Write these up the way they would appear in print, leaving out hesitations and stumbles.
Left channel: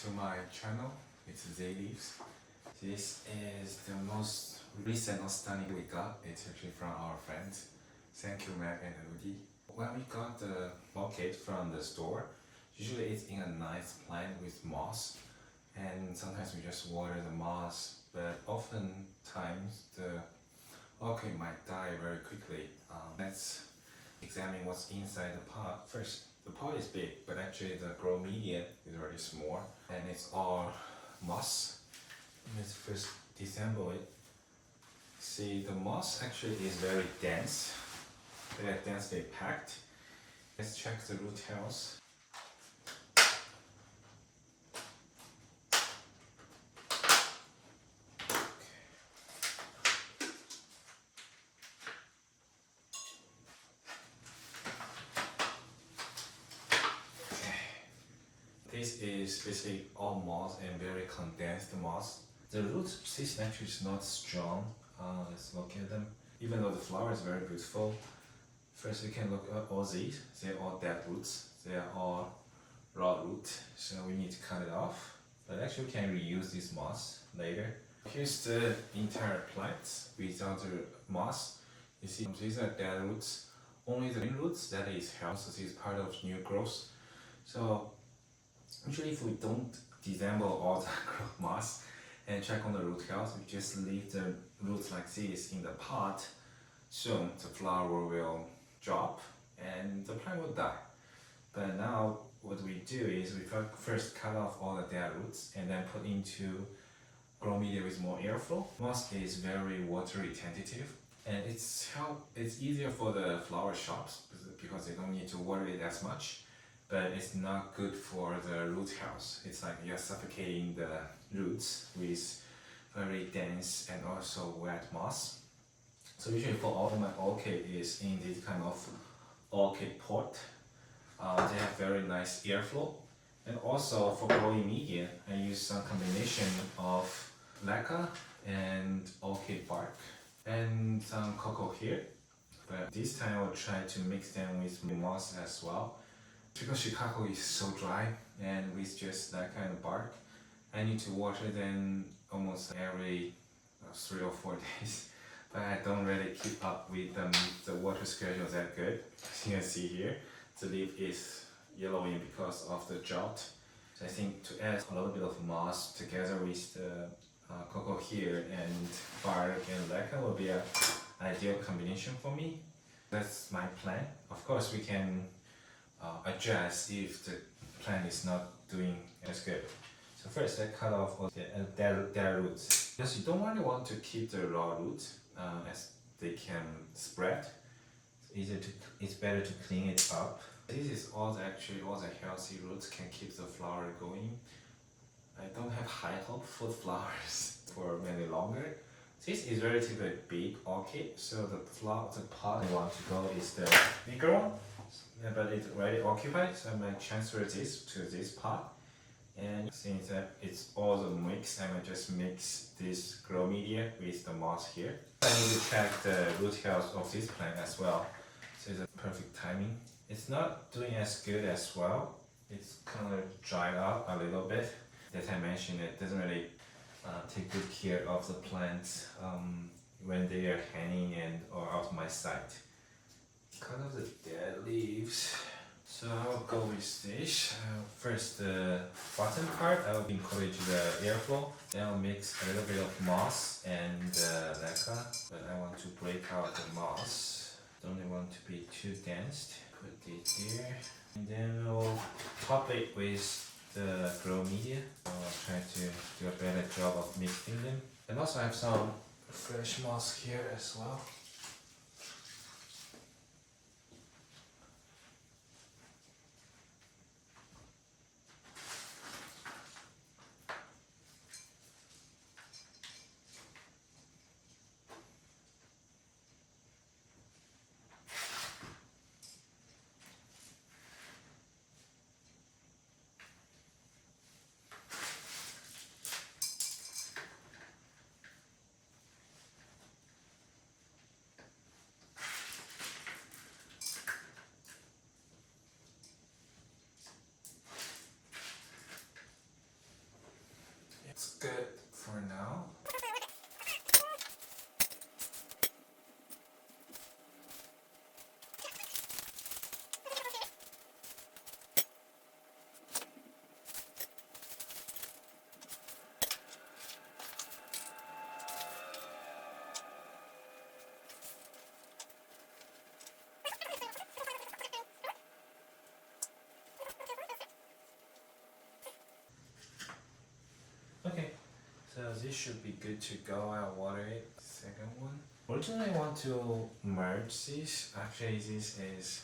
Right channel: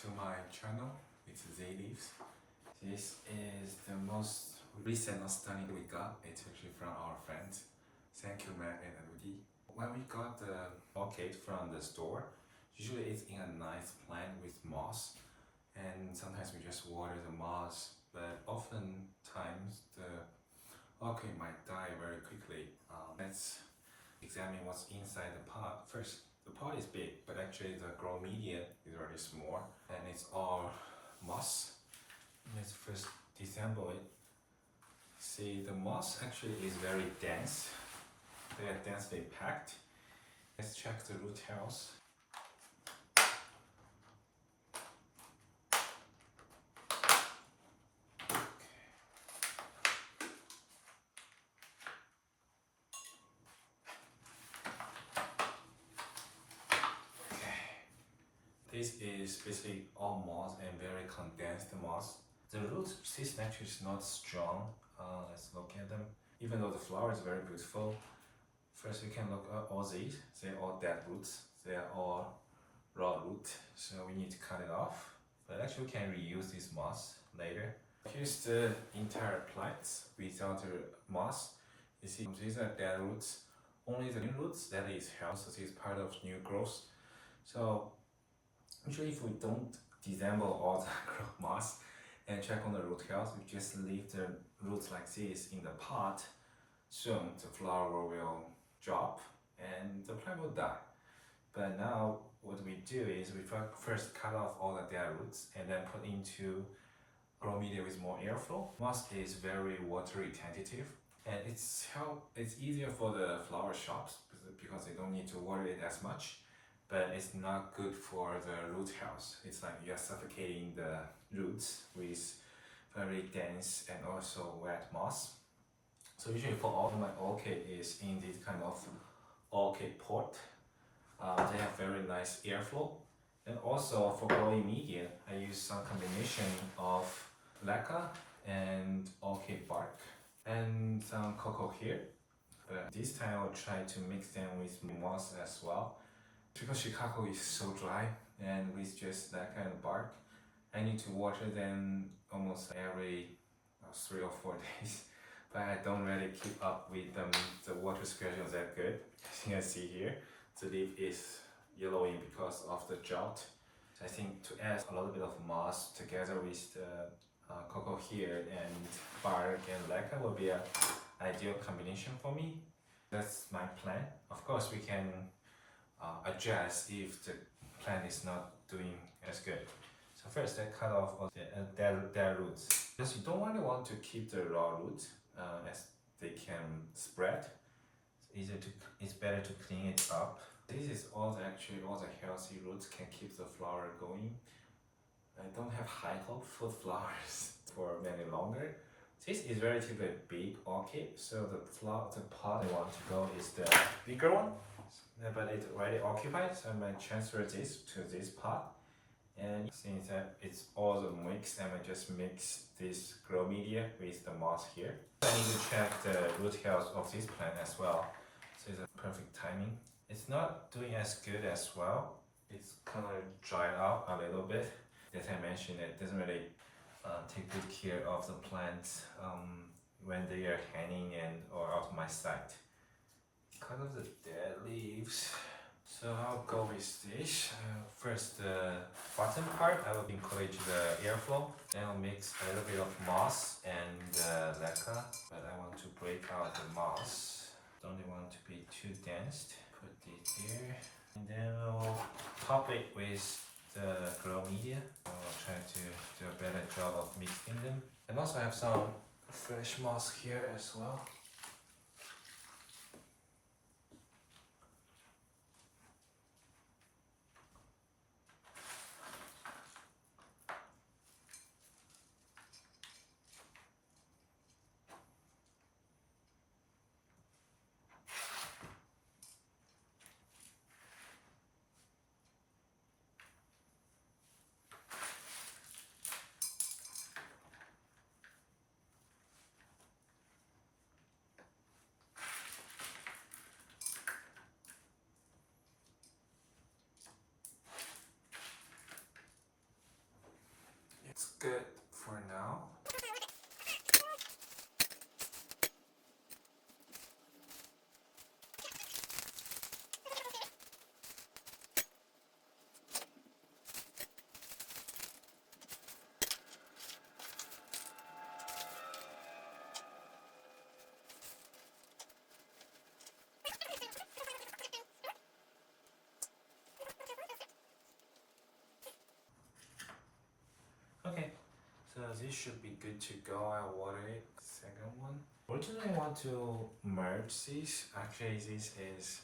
to my channel. It's Z Leaves. This is the most recent stunning we got. It's actually from our friends. Thank you, Mac and Udi. When we got the orchid from the store, usually it's in a nice plant with moss, and sometimes we just water the moss, but oftentimes the orchid might die very quickly. Let's examine what's inside the pot. First, the pot is big, but actually the grow media is very small, and it's all moss. Let's first disassemble it. See, the moss actually is very dense. They are densely packed. Let's check the root hairs. This is basically all moss and very condensed moss. The root system actually is not strong. Let's look at them. Even though the flower is very beautiful, first we can look at all these. They're all dead roots. They are all raw root, so we need to cut it off. But actually we can reuse this moss later. Here's the entire plant without the moss. You see, these are dead roots. Only the new roots that is healthy. This is part of new growth. So usually if we don't disassemble all the moss and check on the root health, we just leave the roots like this in the pot. Soon the flower will drop and the plant will die. But now what we do is we first cut off all the dead roots and then put into grow media with more airflow. Moss is very water retentive, and it's easier for the flower shops because they don't need to water it as much. But it's not good for the root health. It's like you're suffocating the roots with very dense and also wet moss. So usually for all my orchid is in this kind of orchid pot. They have very nice airflow. And also for growing media, I use some combination of lacquer and orchid bark and some cocoa here. But this time I'll try to mix them with moss as well. Because Chicago is so dry and with just that kind of bark, I need to water them almost every 3 or 4 days. But I don't really keep up with the water schedule that good. As you can see here, the leaf is yellowing because of the drought. So I think to add a little bit of moss together with the cocoa here and bark and lacquer will be an ideal combination for me. That's my plan. Of course, we can adjust if the plant is not doing as good. So first I cut off all the dead roots. Because you don't really want to keep the raw roots as they can spread. It's better to clean it up. This is all the healthy roots can keep the flower going. I don't have high hope for the flowers for many longer. This is relatively big orchid, so the pot I want to go is the bigger one. But it's already occupied, so I might transfer this to this pot. And since that it's all the mix, I might just mix this grow media with the moss here. I need to check the root health of this plant as well. So it's a perfect timing. It's not doing as good as well. It's kind of dried out a little bit. As I mentioned, it doesn't really take good care of the plants when they are hanging and or out of my sight. Cut off the dead leaves. So I'll go with this. First, the bottom part I will encourage the airflow. Then I'll mix a little bit of moss and lacquer. But I want to break out the moss. Don't want to be too dense. Put it here. And then I'll top it with the grow media. So I'll try to do a better job of mixing them. And also I have some fresh moss here as well. it's good for now. Okay, so this should be good to go. I'll water it. Second one. Originally I want to merge this. Actually this is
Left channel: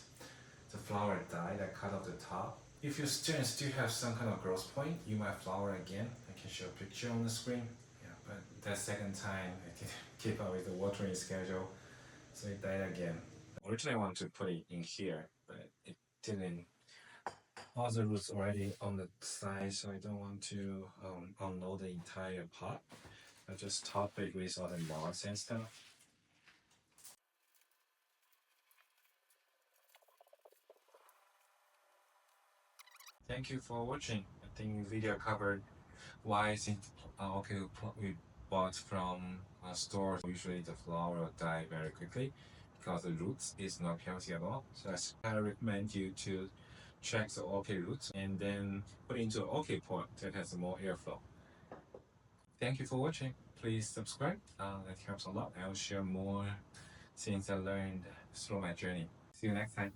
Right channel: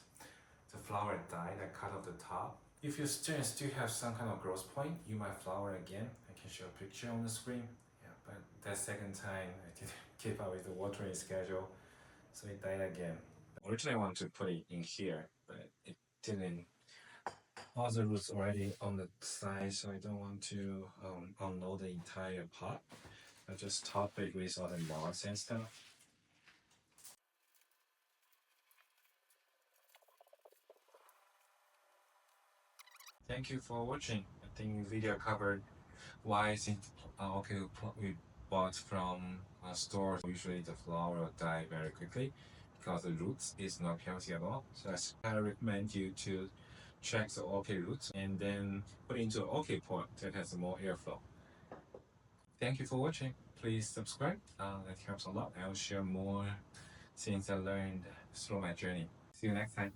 the flower dye that cut off the top. If your students still have some kind of growth point, you might flower again. I can show a picture on the screen. Yeah, but that second time I can keep up with the watering schedule, so it died again. Originally I wanted to put it in here, but it didn't. All the roots already on the side, so I don't want to unload the entire pot. I just top it with all the moss and stuff. Thank you for watching. I think video covered why since okay we bought from stores usually the flower will die very quickly because the roots is not healthy at all. So I recommend you to check the orchid roots and then put into an orchid pot that has more airflow. Thank you for watching. Please subscribe. That helps a lot. I will share more things I learned through my journey. See you next time.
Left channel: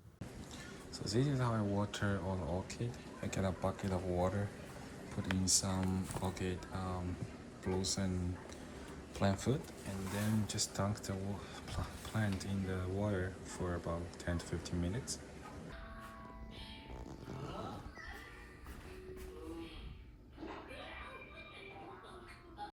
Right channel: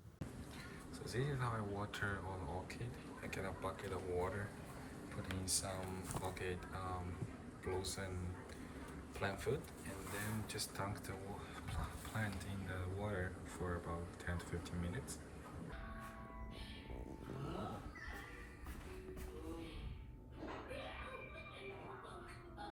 So this is how I water all the orchid. I get a bucket of water, put in some orchid blooms and plant food, and then just dunk the plant in the water for about 10 to 15 minutes.